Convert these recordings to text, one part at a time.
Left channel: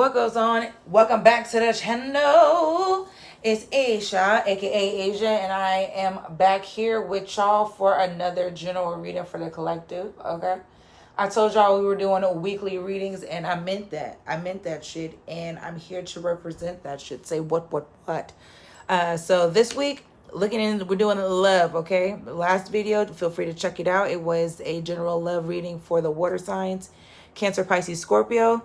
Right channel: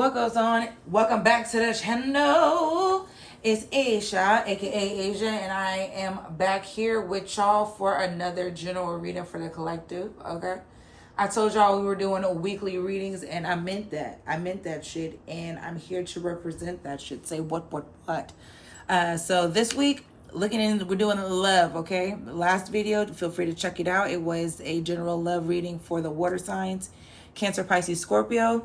What goes on? Welcome back to the channel. It's Aisha, aka Asia, and I am back here with y'all for another general reading for the collective. Okay, I told y'all we were doing a weekly readings, and I meant that. I meant that shit, and I'm here to represent that shit. Say what? So this week, we're doing love. Okay, last video, feel free to check it out. It was a general love reading for the water signs, Cancer, Pisces, Scorpio.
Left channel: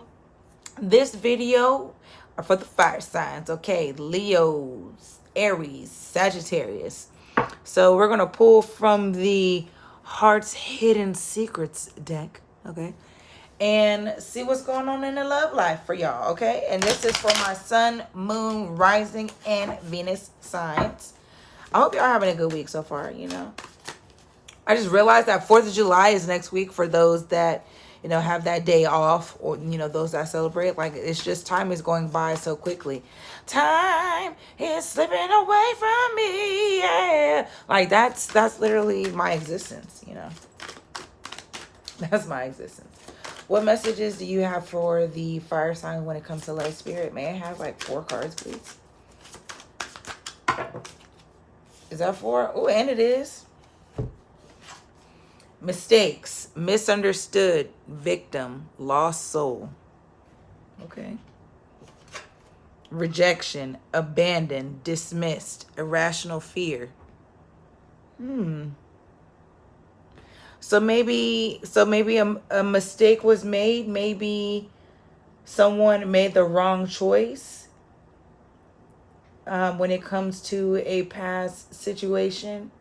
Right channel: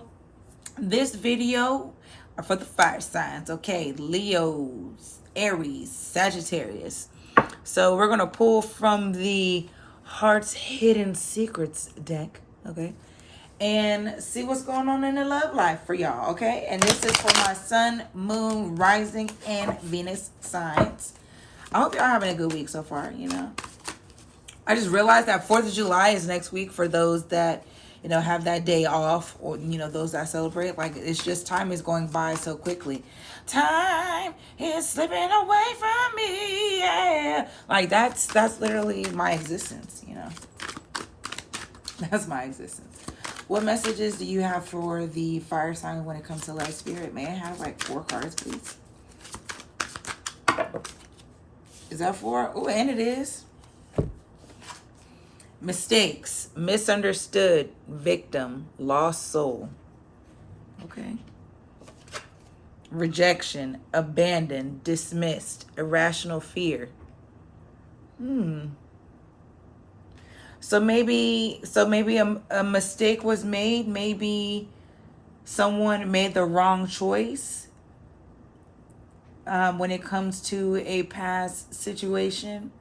This video are for the fire signs, okay? Leos, Aries, Sagittarius. So we're going to pull from the Heart's Hidden Secrets deck, okay? And see what's going on in the love life for y'all, okay? And this is for my sun, moon, rising, and Venus signs. I hope y'all having a good week so far, you know. I just realized that 4th of July is next week for those that have that day off, or, those that celebrate. Like, it's just time is going by so quickly. Time is slipping away from me, yeah. Like, that's literally my existence, That's my existence. What messages do you have for the fire sign when it comes to light spirit? May I have, like, 4 cards, please? Is that 4? Oh, and it is. Mistakes, misunderstood, victim, lost soul. Okay. Rejection, abandoned, dismissed, irrational fear. So maybe a mistake was made. Maybe someone made the wrong choice when it comes to a past situation.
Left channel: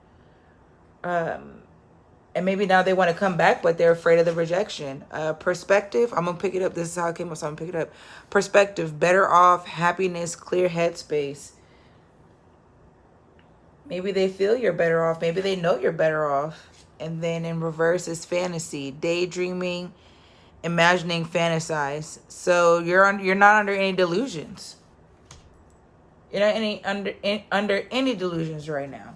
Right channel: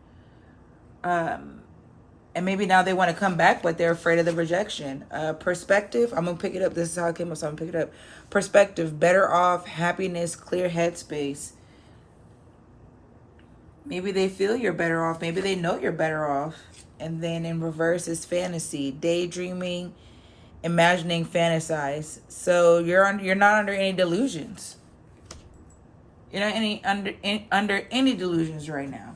And maybe now they want to come back, but they're afraid of the rejection. Perspective, I'm going to pick it up. This is how it came up, so I'm going to pick it up. Perspective, better off, happiness, clear headspace. Maybe they feel you're better off. Maybe they know you're better off. And then in reverse is fantasy, daydreaming, imagining, fantasize. So you're not under any delusions. You're not under any delusions right now.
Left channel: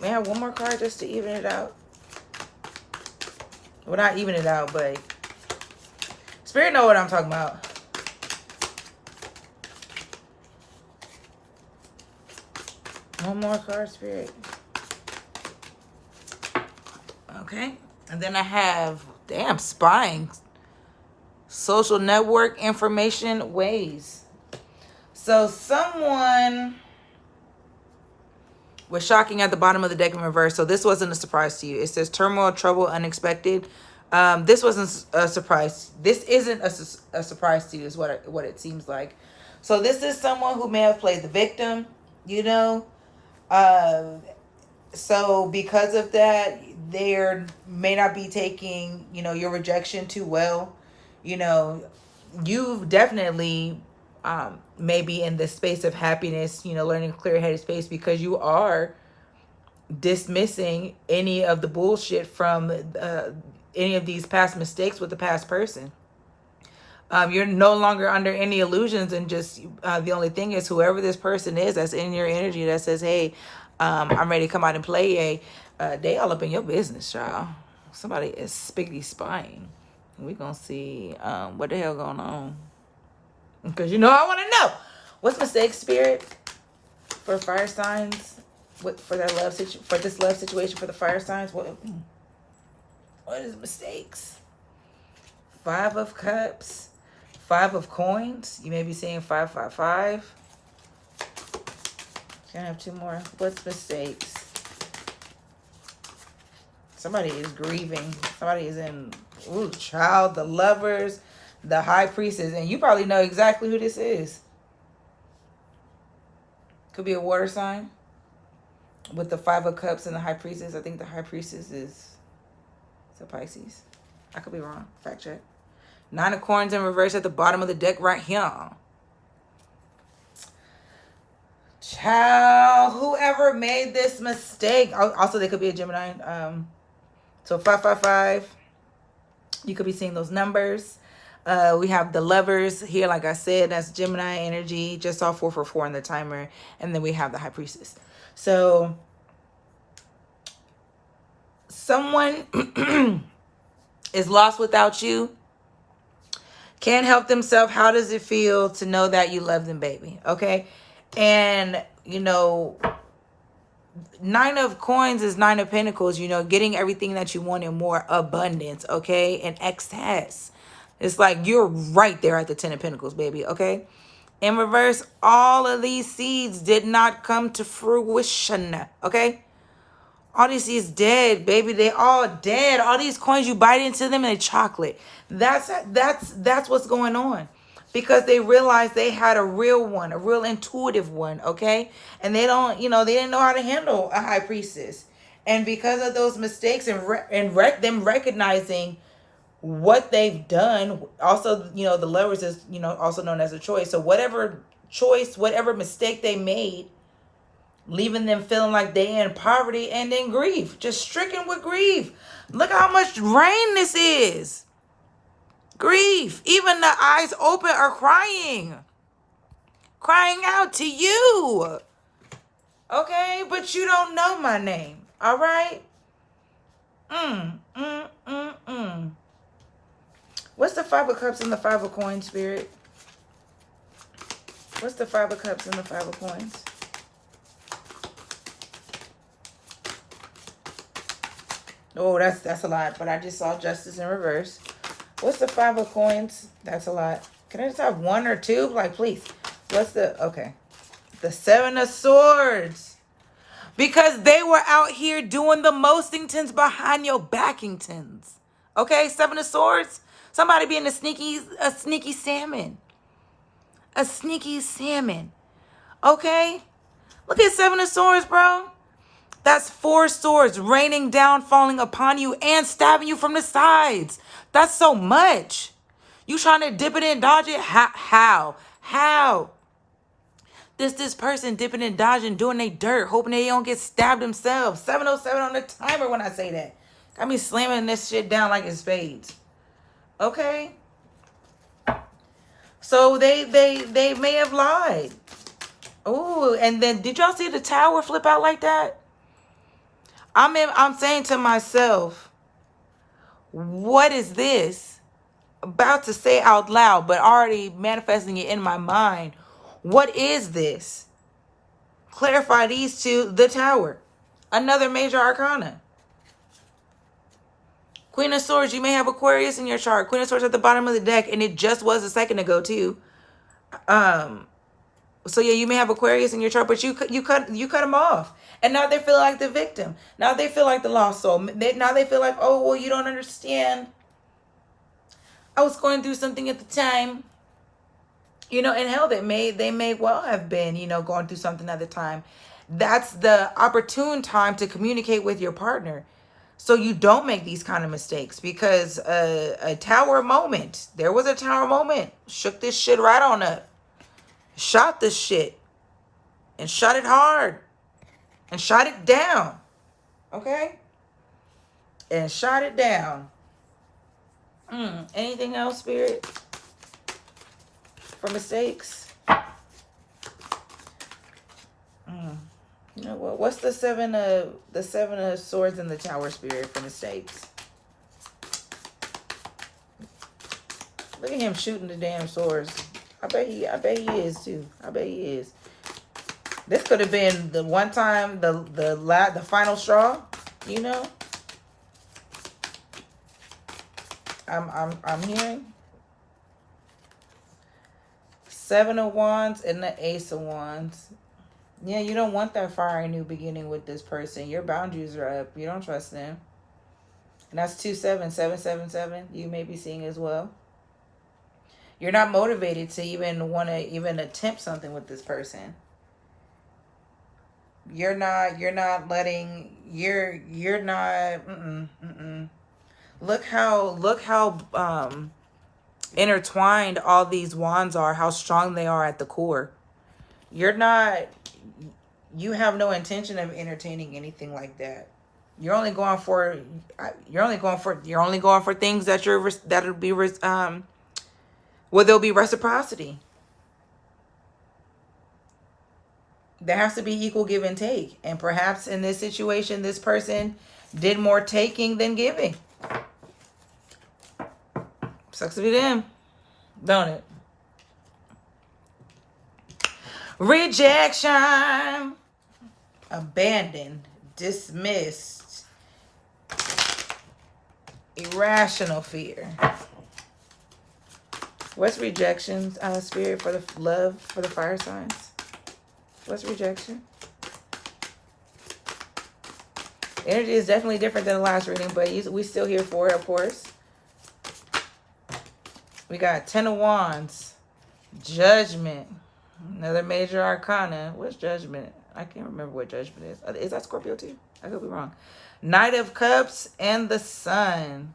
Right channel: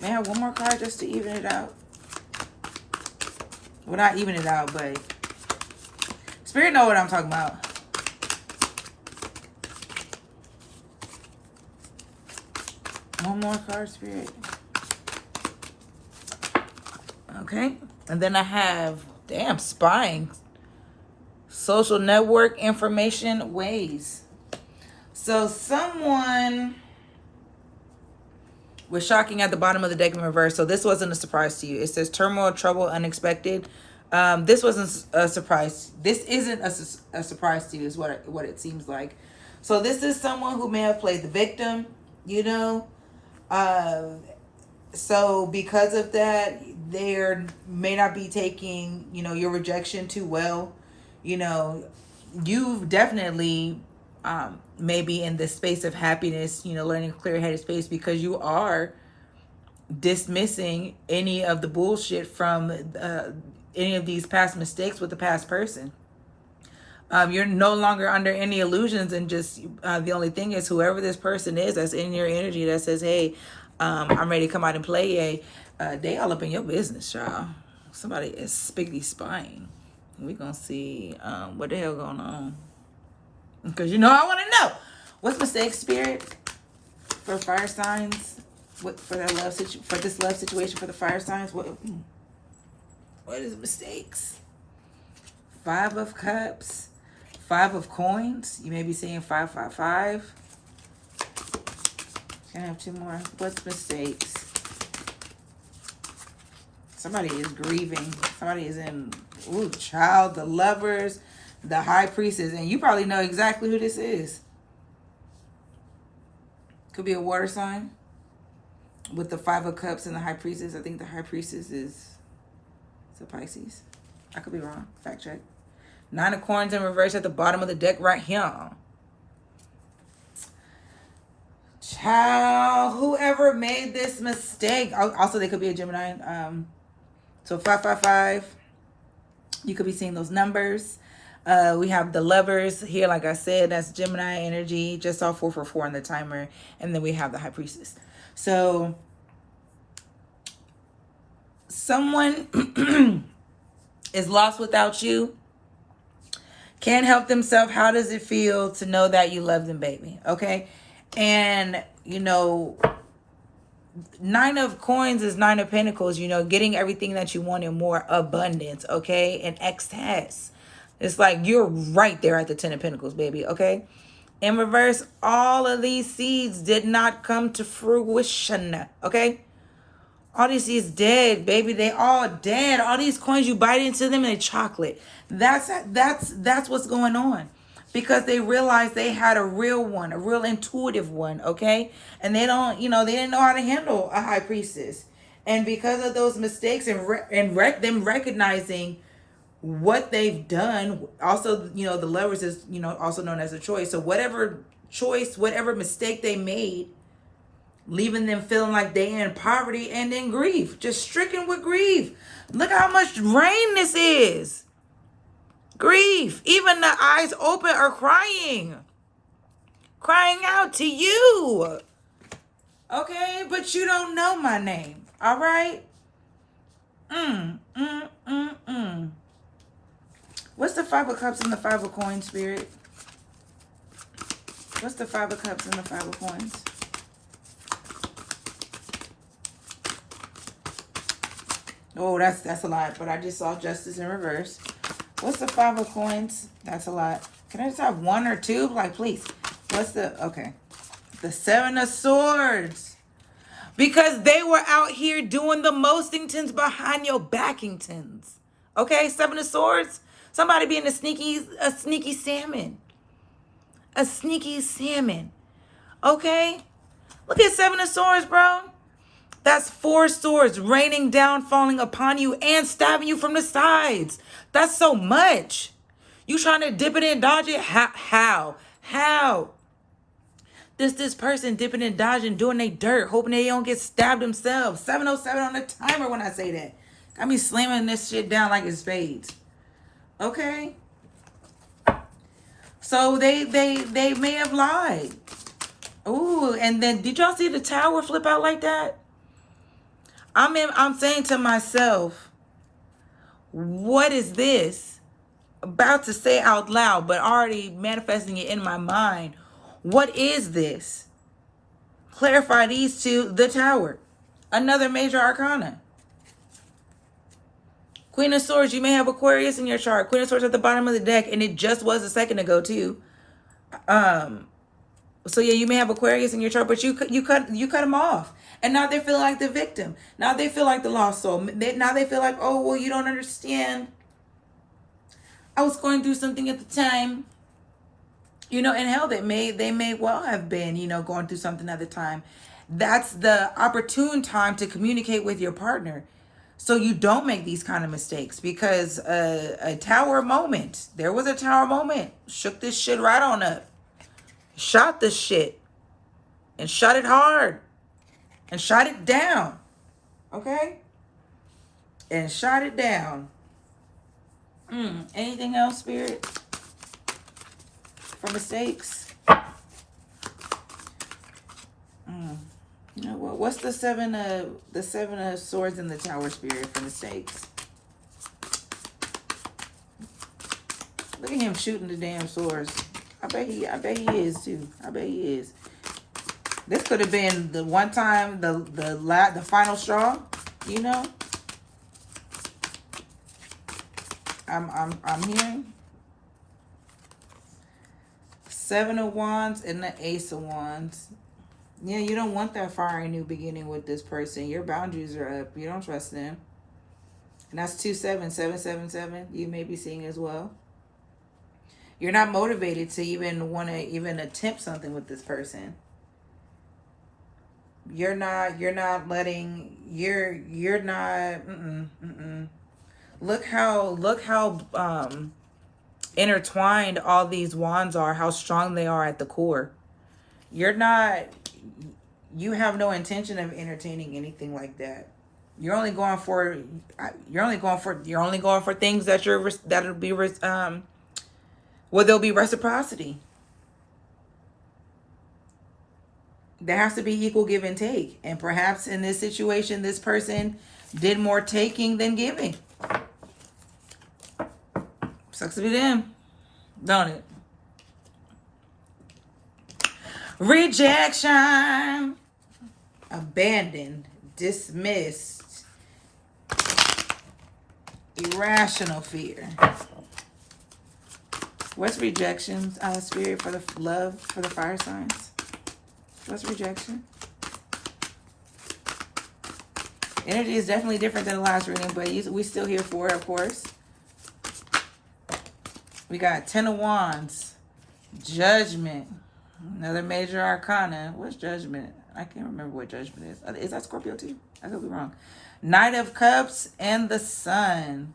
Man, one more card just to even it out. Well, not even it out, but Spirit know what I'm talking about. One more card, Spirit. Okay. And then I have, spying. Social network, information, ways. So someone was shocking at the bottom of the deck in reverse. So this wasn't a surprise to you. It says turmoil, trouble, unexpected. This wasn't a surprise. This isn't a surprise to you is what it seems like. So this is someone who may have played the victim, So because of that, they may not be taking, your rejection too well. You've definitely maybe in the space of happiness, learning clear-headed space, because you are dismissing any of the bullshit from any of these past mistakes with the past person. You're no longer under any illusions, and just the only thing is whoever this person is that's in your energy that says, hey, I'm ready to come out and play, they all up in your business, y'all. Somebody is spiggity spying. We're going to see what the hell going on. Because I want to know. What's mistake, Spirit, for fire signs? For that for this love situation for the fire signs? What is mistakes? 5 of Cups, 5 of Coins. You may be seeing 555. Can I have 2 more? What's mistakes? Somebody is grieving. Somebody is in, child, the Lovers, the High Priestess. And you probably know exactly who this is. Could be a water sign with the 5 of Cups and the High Priestess. I think the High Priestess is a Pisces. I could be wrong. Fact check. 9 of Coins in reverse at the bottom of the deck right here. Child, whoever made this mistake. Also, they could be a Gemini. So 555. You could be seeing those numbers. We have the Lovers here, like I said, that's Gemini energy. Just saw 444 in the timer. And then we have the High Priestess. So someone is lost without you. Can't help themselves. How does it feel to know that you love them, baby? Okay. And, you know, Nine of Coins is Nine of Pentacles, you know, getting everything that you want in more abundance, okay? And excess. It's like you're right there at the Ten of Pentacles, baby, okay? In reverse, all of these seeds did not come to fruition, okay? All these seeds dead, baby. They all dead. All these coins, you bite into them and they chocolate. That's what's going on. Because they realized they had a real one, a real intuitive one, okay? And they don't, you know, they didn't know how to handle a high priestess. And because of those mistakes and them recognizing what they've done, also, you know, the Lovers is, you know, also known as a choice. So whatever choice, whatever mistake they made, leaving them feeling like they in poverty and in grief, just stricken with grief. Look how much rain this is. Grief. Even the eyes open are crying out to you. Okay, but you don't know my name. All right. What's the Five of Cups and the Five of Coins, Spirit? What's the Five of Cups and the Five of Coins? Oh, that's a lot. But I just saw Justice in reverse. What's the Five of Coins? That's a lot. Can I just have one or two? Like, please. What's the... Okay. The Seven of Swords. Because they were out here doing the mostingtons behind your backingtons. Okay? Seven of Swords. Somebody being a sneaky salmon. A sneaky salmon. Okay? Look at Seven of Swords, bro. That's 4 swords raining down, falling upon you, and stabbing you from the sides. That's so much. You trying to dip it and dodge it? How? This person dipping and dodging, doing they dirt, hoping they don't get stabbed themselves. 707 on the timer when I say that. I mean slamming this shit down like it's spades. Okay? So they may have lied. Ooh, and then did y'all see the tower flip out like that? I'm saying to myself, what is this? About to say out loud, but already manifesting it in my mind. What is this? Clarify these two. The Tower. Another major arcana. Queen of Swords. You may have Aquarius in your chart. Queen of Swords at the bottom of the deck. And it just was a second ago too. So yeah, you may have Aquarius in your chart, but you cut them off. And now they feel like the victim. Now they feel like the lost soul. Now they feel like, oh, well, you don't understand. I was going through something at the time. You know, and hell, they may well have been, you know, going through something at the time. That's the opportune time to communicate with your partner. So you don't make these kind of mistakes, because a tower moment. There was a tower moment. Shook this shit right on up. Shot this shit. And shot it hard. And shot it down. Okay? And shot it down. Anything else, Spirit? For mistakes? You know what? What's the seven of swords in the Tower, Spirit, for mistakes? Look at him shooting the damn swords. I bet he is too. I bet he is. This could have been the one time, the final straw, you know? I'm hearing Seven of Wands and the Ace of Wands. Yeah, you don't want that fiery new beginning with this person. Your boundaries are up. You don't trust them. And that's 777. You may be seeing as well. You're not motivated to even want to even attempt something with this person. You're not Look how intertwined all these wands are, how strong they are at the core. You have no intention of entertaining anything like that. You're only going for things that where there'll be reciprocity. There has to be equal give and take. And perhaps in this situation, this person did more taking than giving. Sucks to be them. Don't it? Rejection. Abandoned. Dismissed. Irrational fear. What's rejection, spirit, for the love, for the fire signs? What's rejection? Energy is definitely different than the last reading, but we still here for it, of course. We got 10 of Wands. Judgment. Another major arcana. What's judgment? I can't remember what judgment is. Is that Scorpio too? I could be wrong. Knight of Cups and the Sun.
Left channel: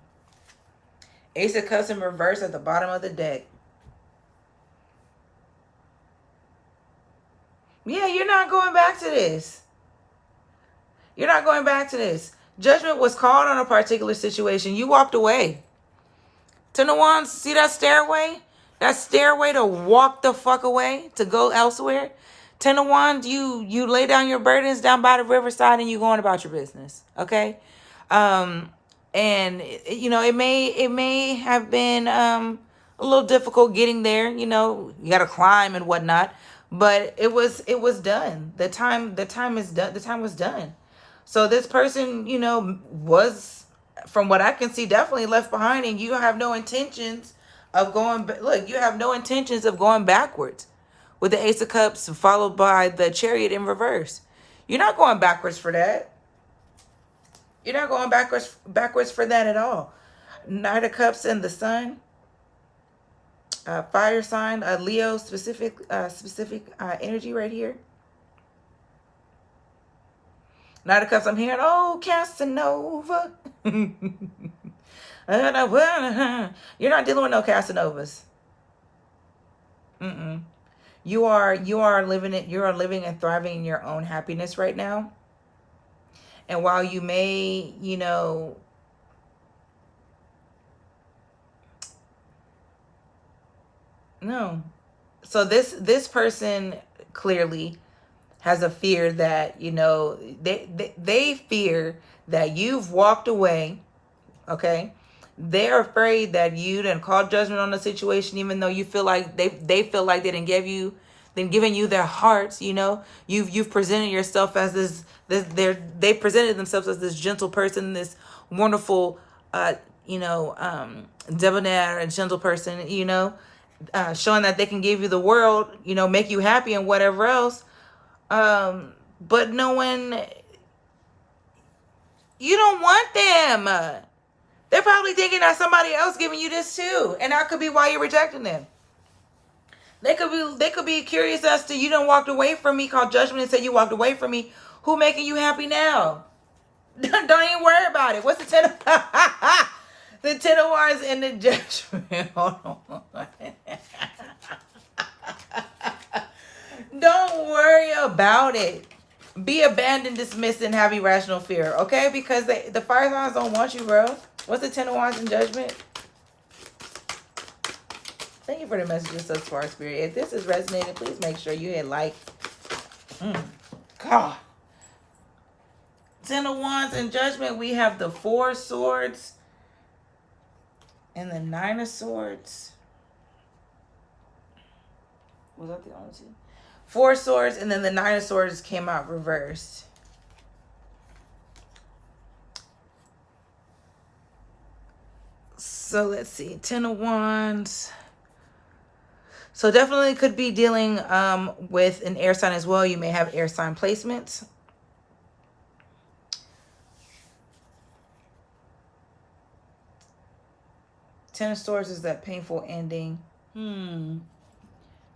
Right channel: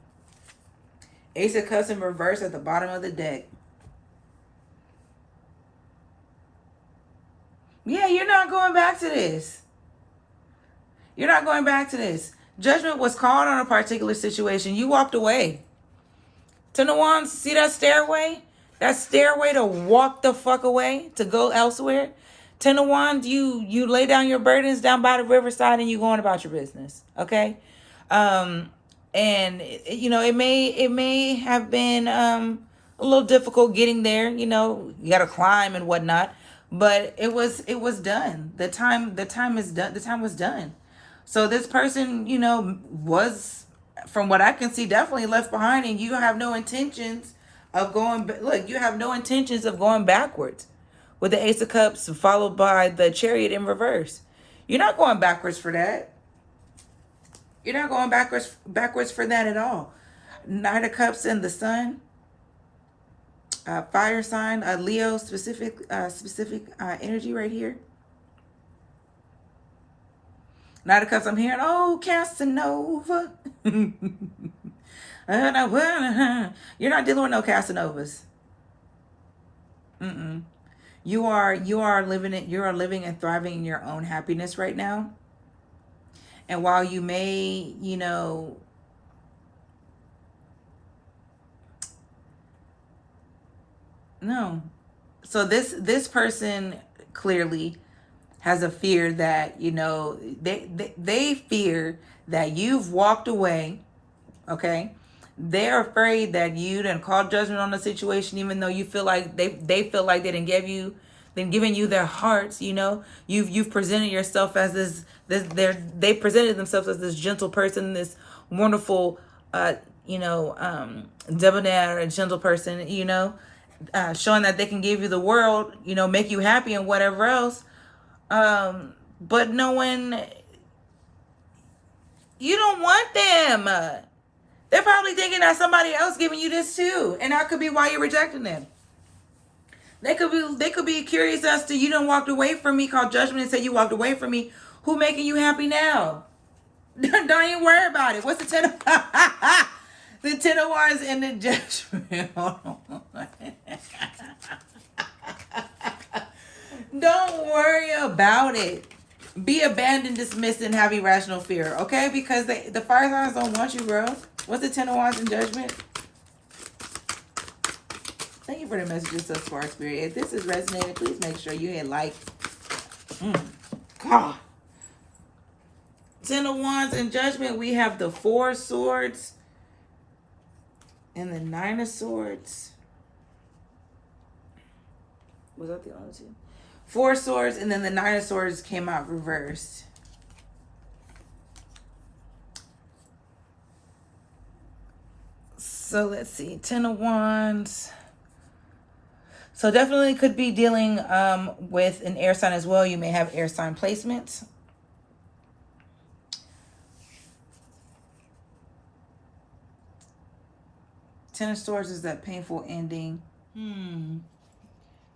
Ace of Cups in reverse at the bottom of the deck. Yeah, you're not going back to this. You're not going back to this. Judgment was called on a particular situation. You walked away. Ten of Wands, see that stairway? That stairway to walk the fuck away, to go elsewhere. Ten of Wands, you lay down your burdens down by the riverside and you going about your business. Okay? And you know, it may have been a little difficult getting there, you know, you gotta climb and whatnot. But it was done. The time is done. The time was done. So this person, you know, was, from what I can see, definitely left behind, and you have no intentions of going. Look, you have no intentions of going backwards, with the Ace of Cups followed by the Chariot in reverse. You're not going backwards for that. You're not going backwards for that at all. Knight of Cups and the Sun. Fire sign, Leo specific energy right here. Knight of Cups, I'm hearing, oh, Casanova. You're not dealing with no Casanovas. You are living and thriving in your own happiness right now. And while you may, you know, no. So this person clearly has a fear that, you know, they fear that you've walked away, okay? They're afraid that you done called judgment on the situation, even though you feel like they feel like they didn't giving you their hearts, you know? You've presented yourself as they presented themselves as this gentle person, this wonderful debonair and gentle person, you know, showing that they can give you the world, you know, make you happy and whatever else. But knowing you don't want them. They're probably thinking that somebody else giving you this too. And that could be why you're rejecting them. They could be curious as to, you done walked away from me, called judgment and said you walked away from me. Who making you happy now? Don't even worry about it. What's the 10 of the 10 of Wands and the Judgment? Hold on. Don't worry about it. Be abandoned, dismissed, and have irrational fear, okay? Because the fire signs don't want you, bro. What's the 10 of Wands in Judgment? Thank you for the messages thus far, Spirit. If this is resonating, please make sure you hit like. God. 10 of Wands in Judgment, we have the 4 of Swords and the 9 of Swords. Was that the only two? 4 swords, and then the 9 of Swords came out reversed. So let's see. 10 of Wands. So definitely could be dealing with an air sign as well. You may have air sign placements. Ten of Swords is that painful ending.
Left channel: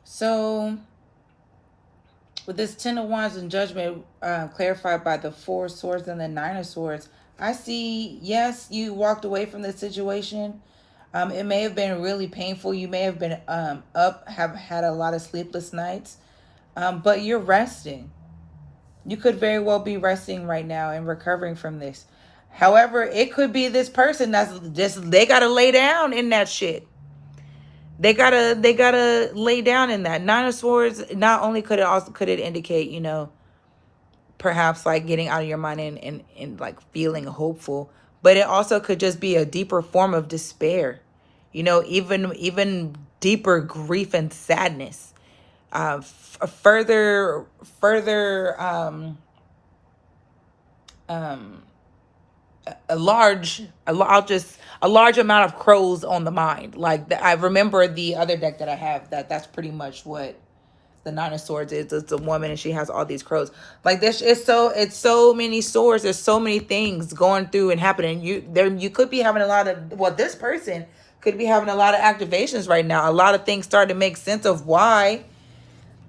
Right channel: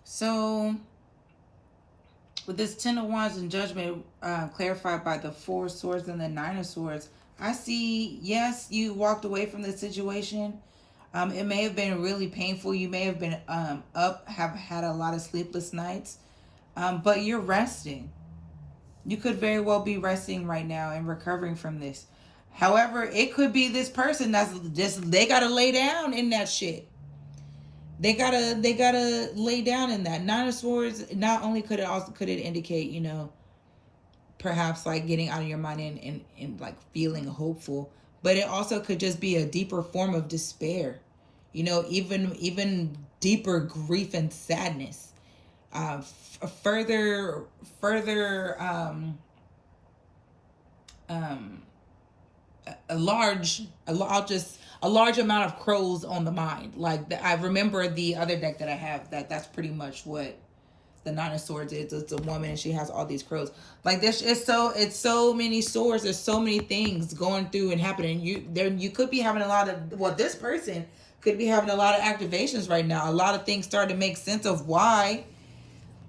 So with this 10 of Wands in Judgment, clarified by the 4 of Swords and the 9 of Swords, I see, yes, you walked away from this situation. It may have been really painful. You may have been have had a lot of sleepless nights, but you're resting. You could very well be resting right now and recovering from this. However, it could be this person that's just, they got to lay down in that shit. They gotta lay down in that. 9 of Swords, not only could it indicate, you know, perhaps like getting out of your mind and like feeling hopeful, but it also could just be a deeper form of despair. You know, even deeper grief and sadness. Further, further, um, a large amount of crows on the mind. Like I remember the other deck that I have, that's pretty much what the Nine of Swords is. It's a woman and she has all these crows. Like this, it's so many swords. There's so many things going through and happening. You could be having a lot of, well, this person could be having a lot of activations right now. A lot of things start to make sense of why,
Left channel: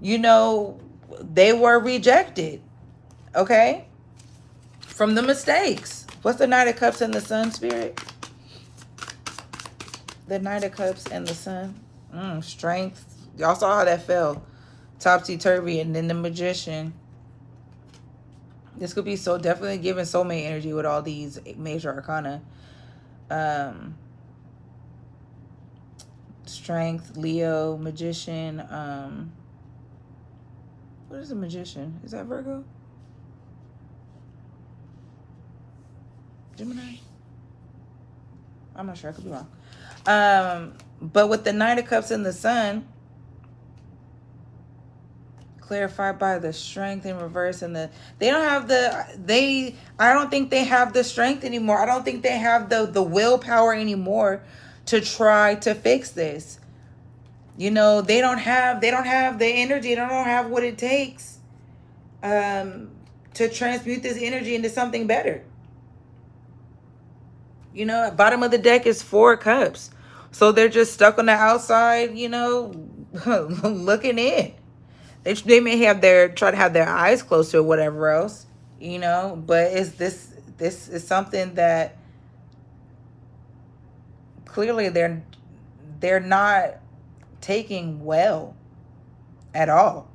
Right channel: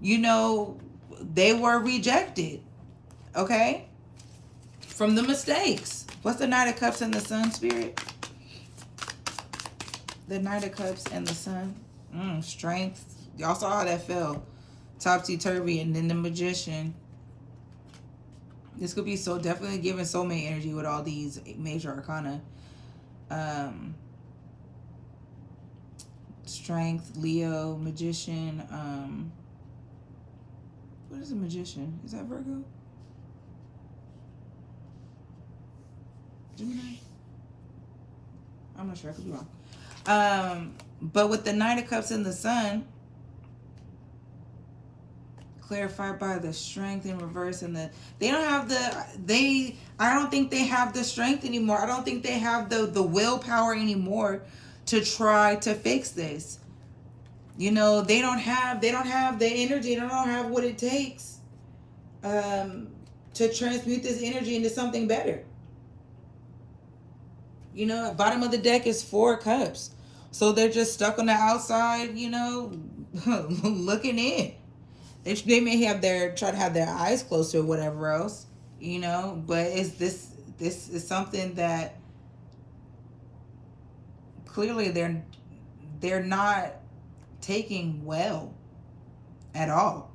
they were rejected. Okay, from the mistakes. What's the Knight of Cups and the Sun, Spirit? The Knight of Cups and the Sun. Strength. Y'all saw how that fell. Topsy-turvy. And then the Magician. This could be so definitely giving soulmate energy with all these major arcana. Strength, Leo, Magician. What is a Magician? Is that Virgo? Gemini? I'm not sure. I could be wrong. But with the Knight of Cups and the Sun, clarified by the Strength in reverse, and I don't think they have the strength anymore. I don't think they have the willpower anymore to try to fix this. They don't have the energy. They don't have what it takes to transmute this energy into something better. Bottom of the deck is 4 cups. So they're just stuck on the outside, looking in. They may try to have their eyes closed or whatever else, but this is something that clearly they're not taking well at all.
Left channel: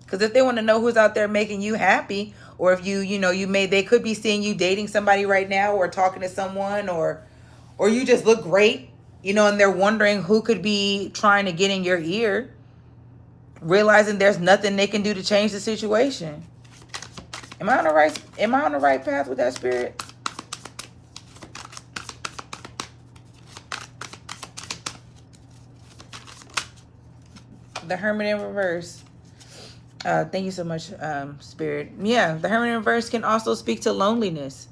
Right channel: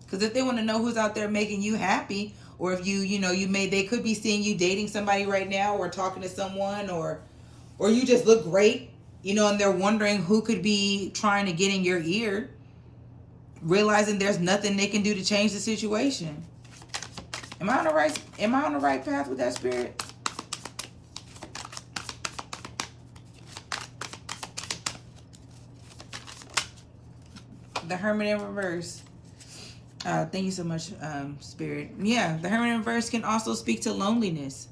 Because if they want to know who's out there making you happy, or if they could be seeing you dating somebody right now, or talking to someone, or you just look great, and they're wondering who could be trying to get in your ear, realizing there's nothing they can do to change the situation. Am I on the right path with that, Spirit? The Hermit in reverse. Thank you so much, Spirit. Yeah, the Hermit in reverse can also speak to loneliness.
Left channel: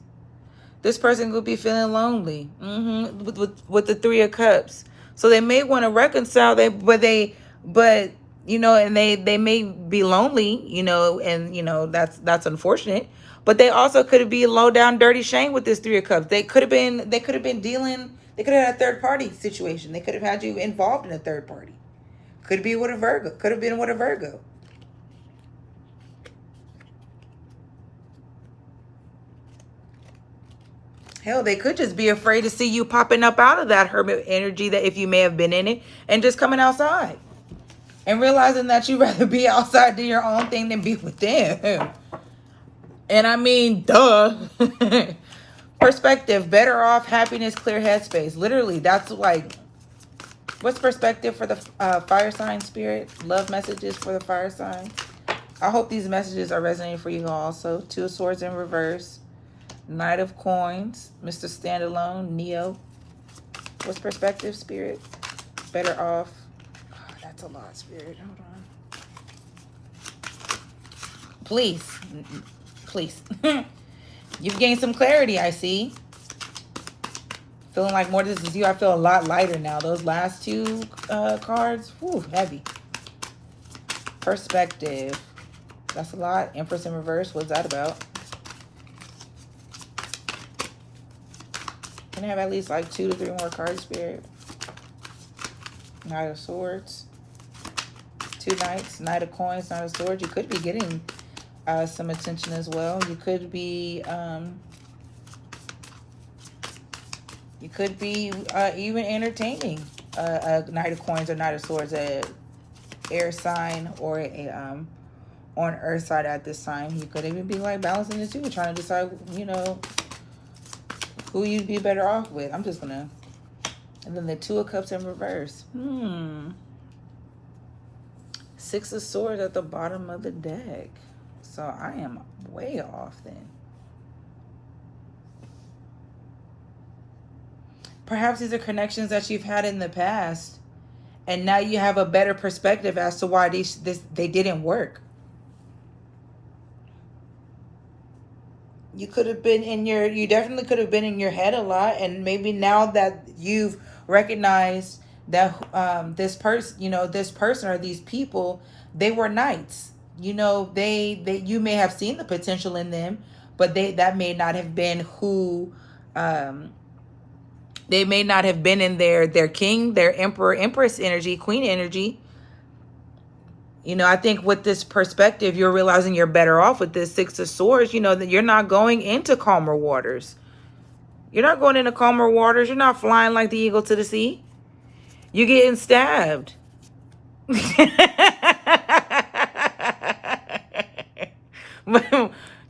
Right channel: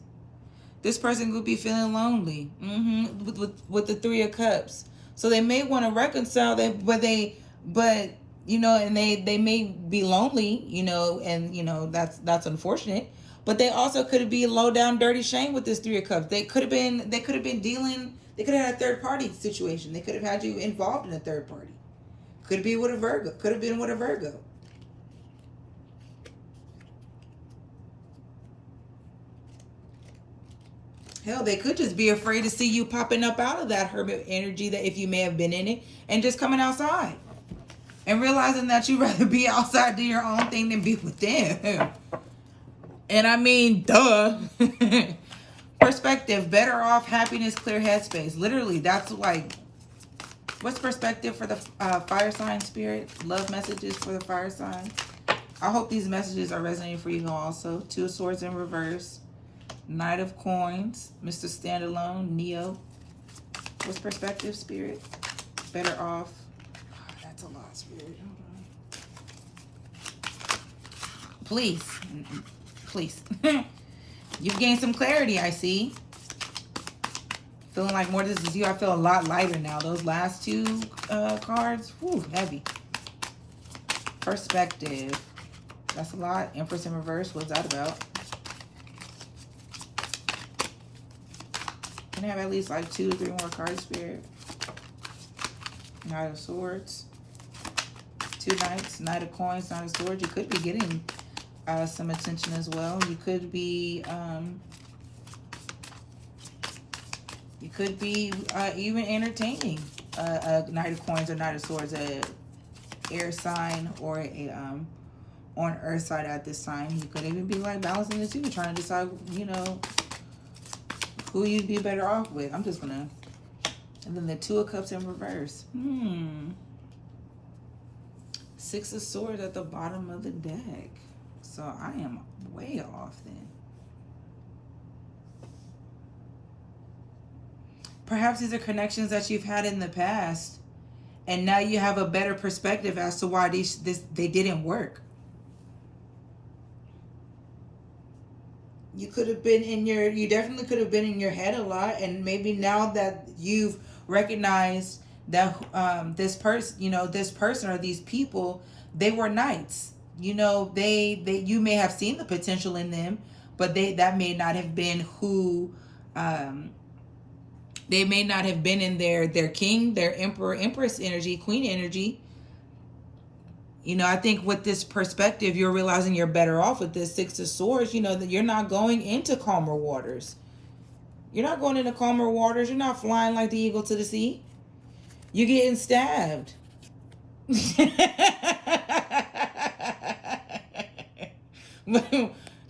This person could be feeling lonely with the 3 of Cups. So they may want to reconcile, but they may be lonely, and that's unfortunate. But they also could be low down dirty shame with this 3 of Cups. They could have been dealing. They could have had a third party situation. They could have had you involved in a third party. Could be with a Virgo. Could have been with a Virgo. Hell, they could just be afraid to see you popping up out of that hermit energy, that if you may have been in it, and just coming outside and realizing that you'd rather be outside doing your own thing than be with them. And I mean, duh. Perspective, better off, happiness, clear headspace. Literally, that's like, what's perspective for the fire sign, Spirit? Love messages for the fire sign. I hope these messages are resonating for you also. 2 of Swords in reverse. Knight of Coins. Mr. Standalone. Neo. What's perspective, Spirit? Better off. Oh, that's a lot, Spirit. Hold on. Please. Please. You've gained some clarity, I see. Feeling like more this is you. I feel a lot lighter now. Those last 2 cards, whew, heavy. Perspective. That's a lot. Empress in reverse. What's that about? Can I have at least like 2 to 3 more cards, Spirit? Knight of Swords. 2 Knights. Knight of Coins. Knight of Swords. You could be getting some attention as well. You could be even entertaining a Knight of Coins or Knight of Swords, a air sign or a on earth side at this time. You could even be like balancing the 2, trying to decide, who you'd be better off with. I'm just gonna, and then the 2 of Cups in reverse. 6 of Swords at the bottom of the deck. So I am way off then. Perhaps these are connections that you've had in the past And now you have a better perspective as to why they didn't work. You could have been you definitely could have been in your head a lot. And maybe now that you've recognized that this person, this person or these people, they were knights. You may have seen the potential in them, but that may not have been who, they may not have been in their king, their emperor, empress energy, queen energy. I think with this perspective, you're realizing you're better off with this Six of Swords, that you're not going into calmer waters. You're not going into calmer waters. You're not flying like the eagle to the sea. You're getting stabbed.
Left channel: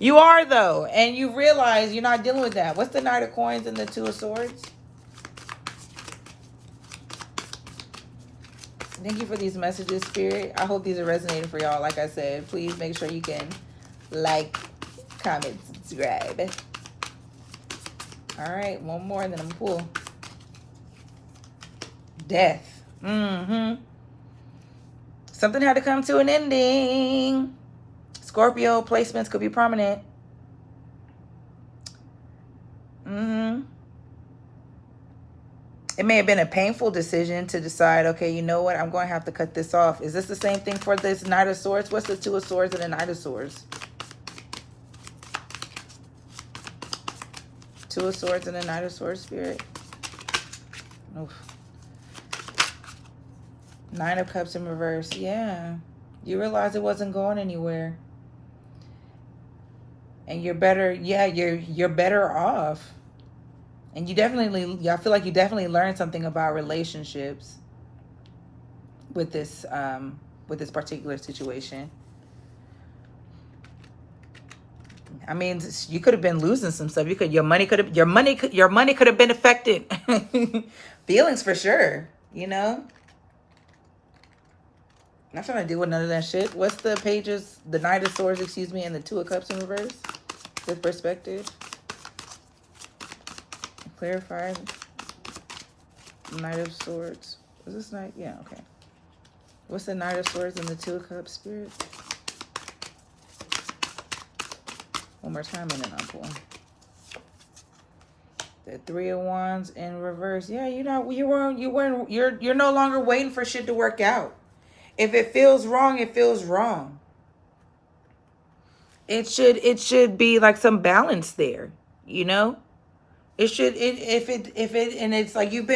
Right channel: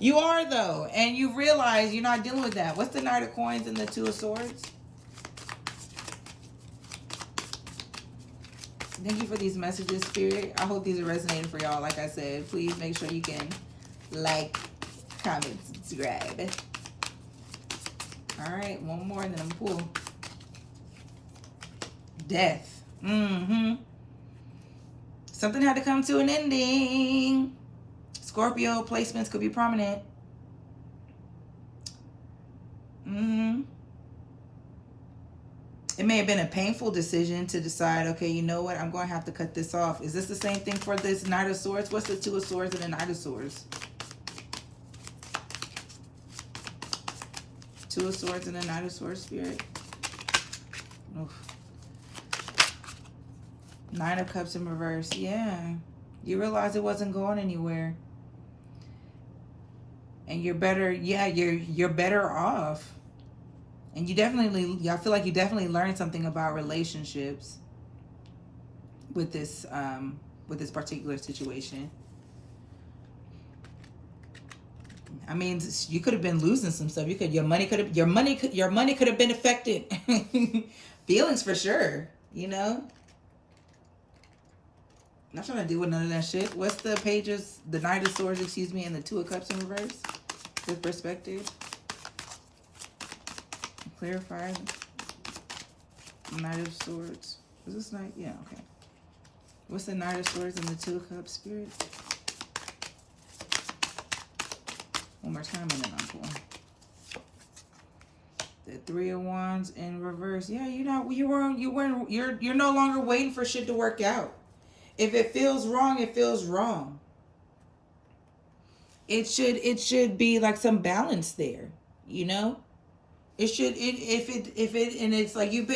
You are, though. And you realize you're not dealing with that. What's the Knight of Coins and the Two of Swords? Thank you for these messages, Spirit. I hope these are resonating for y'all. Like I said, please make sure you can like, comment, subscribe. All right, one more and then I'm cool. Death. Something had to come to an ending. Scorpio placements could be prominent. It may have been a painful decision to decide, okay, you know what? I'm going to have to cut this off. Is this the same thing for this Knight of Swords? What's the Two of Swords and the Knight of Swords? Two of Swords and the Knight of Swords, Spirit. Oof. Nine of Cups in reverse. Yeah. You realize it wasn't going anywhere. And you're better. Yeah, you're better off. And I feel like you definitely learned something about relationships with this particular situation. I mean, you could have been losing some stuff. Your money could have been affected. Feelings for sure, I'm not trying to deal with none of that shit. What's the pages? The Knight of Swords, and the Two of Cups in reverse. With perspective. Clarify. Knight of Swords. Is this Knight? Yeah, okay. What's the Knight of Swords and the Two of Cups, Spirit? One more time and then I'm pulling. The Three of Wands in reverse. Yeah, you're no longer waiting for shit to work out. If it feels wrong, it feels wrong. It should be like some balance there, It should, and it's like you may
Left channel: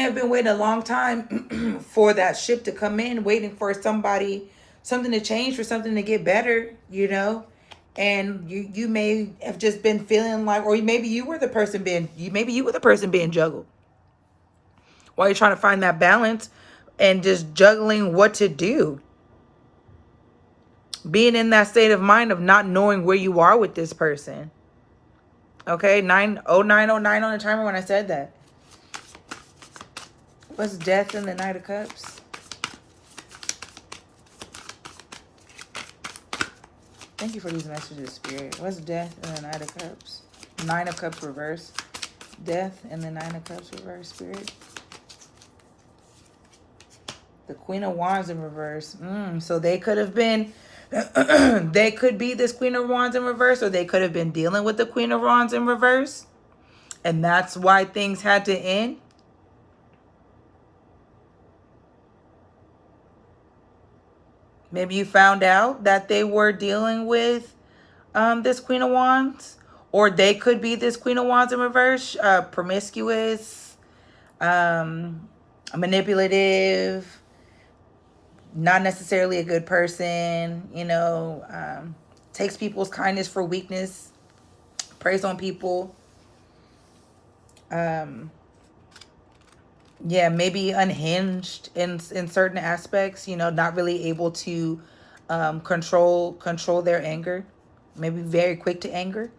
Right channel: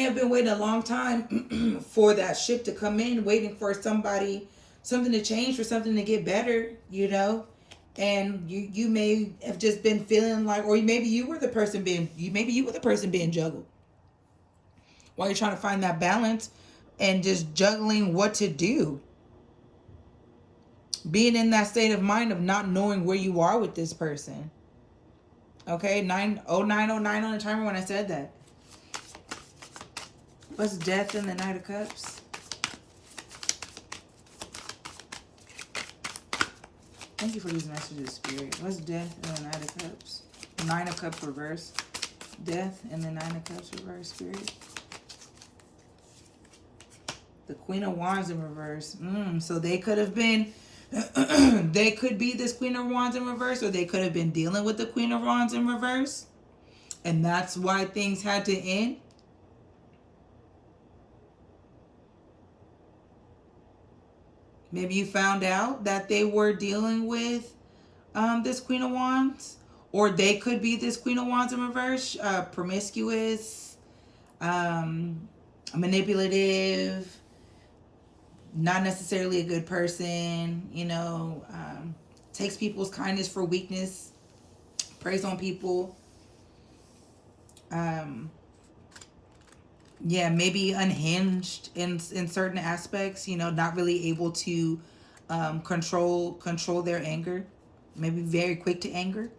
have been waiting a long time for that ship to come in, waiting for something to change, for something to get better, and you may have just been feeling like, or maybe you were the person being juggled while you're trying to find that balance and just juggling what to do. Being in that state of mind of not knowing where you are with this person. Okay, 90909 on the timer when I said that. What's Death in the Knight of Cups? Thank you for these messages, Spirit. What's Death in the Knight of Cups? Nine of Cups reverse. Death in the Nine of Cups reverse, Spirit. The Queen of Wands in reverse. So they could have been... they could be this Queen of Wands in reverse, or they could have been dealing with the Queen of Wands in reverse. And that's why things had to end. Maybe you found out that they were dealing with this Queen of Wands. Or they could be this Queen of Wands in reverse. Promiscuous. Manipulative. Not necessarily a good person. Takes people's kindness for weakness. Preys on people. Yeah, maybe unhinged in certain aspects, not really able to control their anger. Maybe very quick to anger.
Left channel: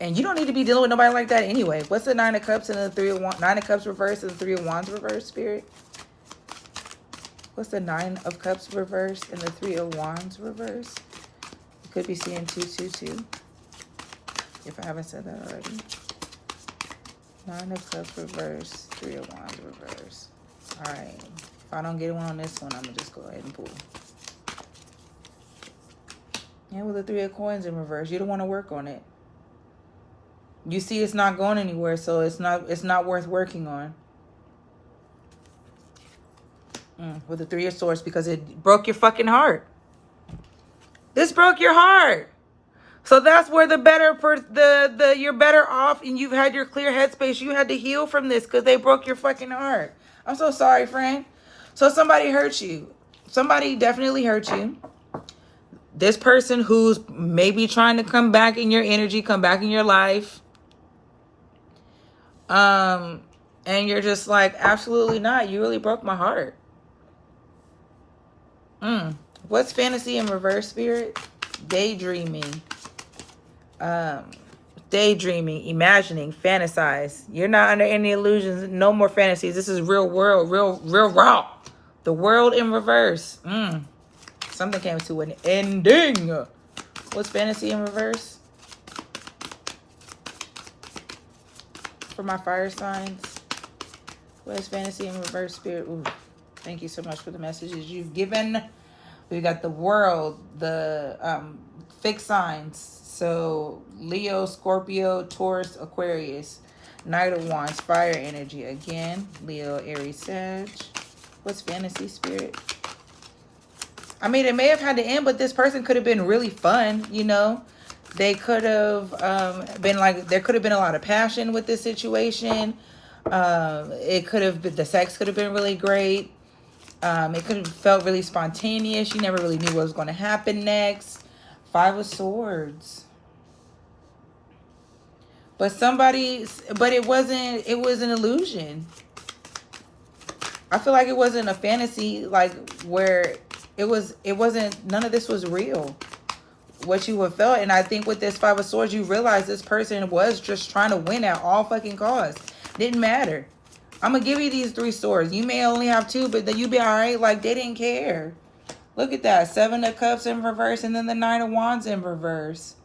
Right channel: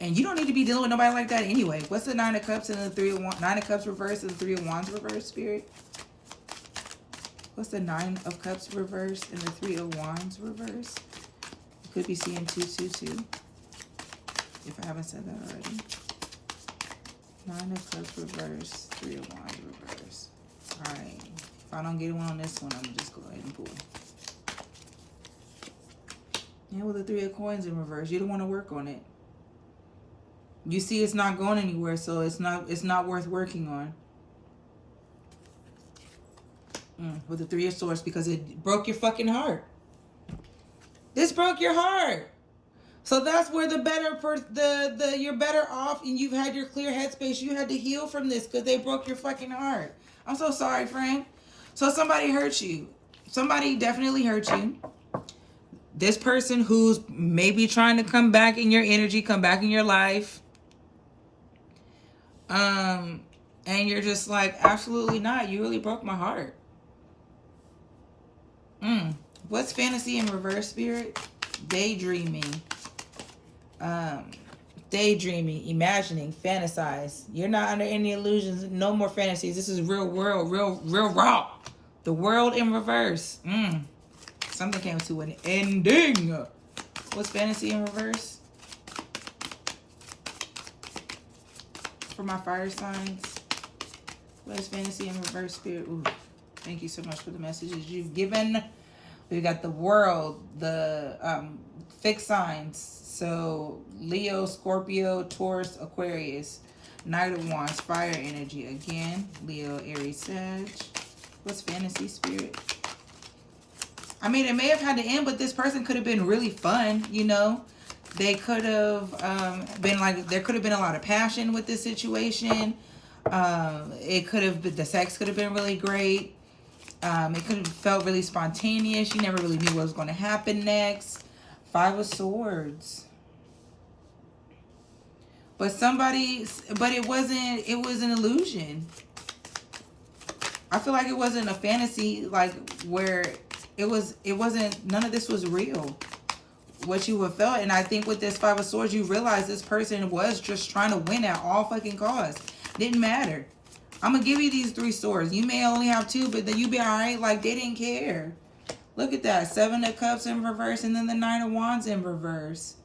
And you don't need to be dealing with nobody like that anyway. What's the Nine of Cups and the Three of Wands? Nine of Cups reverse and the Three of Wands reverse, Spirit? What's the Nine of Cups reverse and the Three of Wands reverse? You could be seeing 222. If I haven't said that already. Nine of Cups reverse. Three of Wands reverse. Alright. If I don't get one on this one, I'm going to just go ahead and pull. Yeah, with the Three of Coins in reverse. You don't want to work on it. You see it's not going anywhere, so it's not worth working on. With the Three of Swords, because it broke your fucking heart. This broke your heart. So that's where you're better off, and you've had your clear headspace. You had to heal from this because they broke your fucking heart. I'm so sorry, friend. So somebody hurt you. Somebody definitely hurt you. This person who's maybe trying to come back in your energy, come back in your life. And you're just like, absolutely not. You really broke my heart. What's fantasy in reverse, spirit? Daydreaming. Daydreaming, imagining, fantasize. You're not under any illusions. No more fantasies. This is real world, real raw. The world in reverse. Something came to an ending. What's fantasy in reverse? For my fire signs. What is fantasy in reverse, spirit? Ooh, thank you so much for the messages you've given. We got the world, the fixed signs. So Leo, Scorpio, Taurus, Aquarius. Knight of Wands, fire energy again. Leo, Aries, Sag. What's fantasy, spirit? I mean, it may have had to end, but this person could have been really fun, you know. They could have been like, there could have been a lot of passion with this situation. It could have been, the sex could have been really great. It could have felt really spontaneous. You never really knew what was going to happen next. Five of Swords. But it was an illusion. I feel like it wasn't a fantasy, like where it wasn't, none of this was real. What you have felt. And I think with this Five of Swords, you realize this person was just trying to win at all fucking costs. Didn't matter. I'm going to give you these 3 swords. You may only have 2, but then you be all right. Like, they didn't care. Look at that. 7 of Cups in reverse, and then the 9 of Wands in reverse.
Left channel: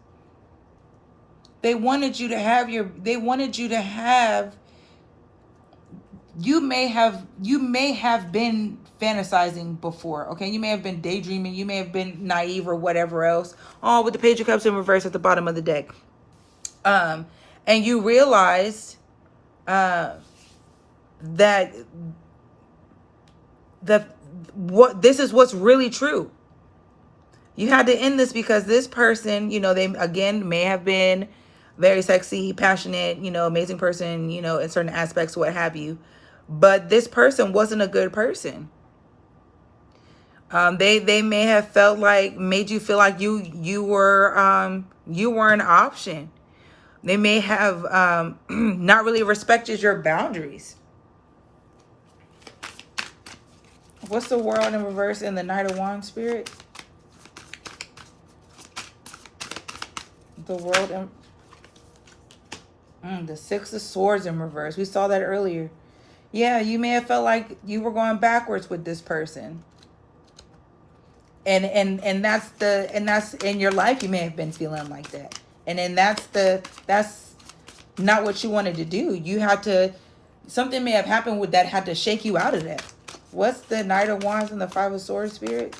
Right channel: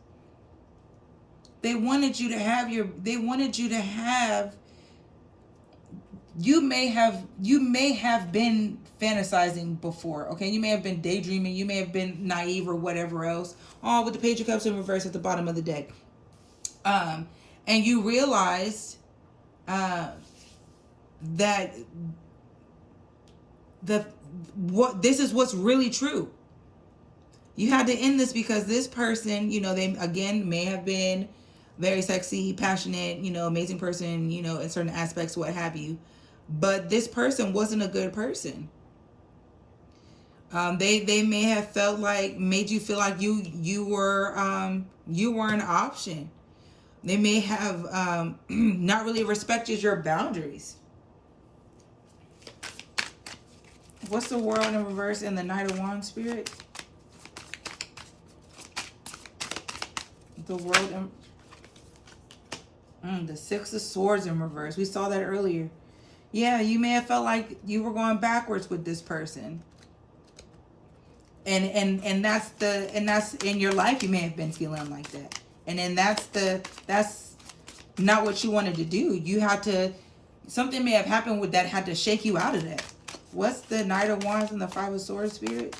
They wanted you to have you may have been fantasizing before, okay? You may have been daydreaming. You may have been naive or whatever else. Oh, with the Page of Cups in reverse at the bottom of the deck. And you realized that this is what's really true. You had to end this because this person, you know, they again may have been very sexy, passionate, you know, amazing person, you know, in certain aspects, what have you. But this person wasn't a good person. They may have made you feel like you were an option. They may have not really respected your boundaries. What's the world in reverse in the Knight of Wands, spirit? The world in the Six of Swords in reverse. We saw that earlier. Yeah, you may have felt like you were going backwards with this person. And that's in your life you may have been feeling like that. And then that's not what you wanted to do. You had to, something may have happened with that had to shake you out of that. What's the Knight of Wands and the Five of Swords, spirit?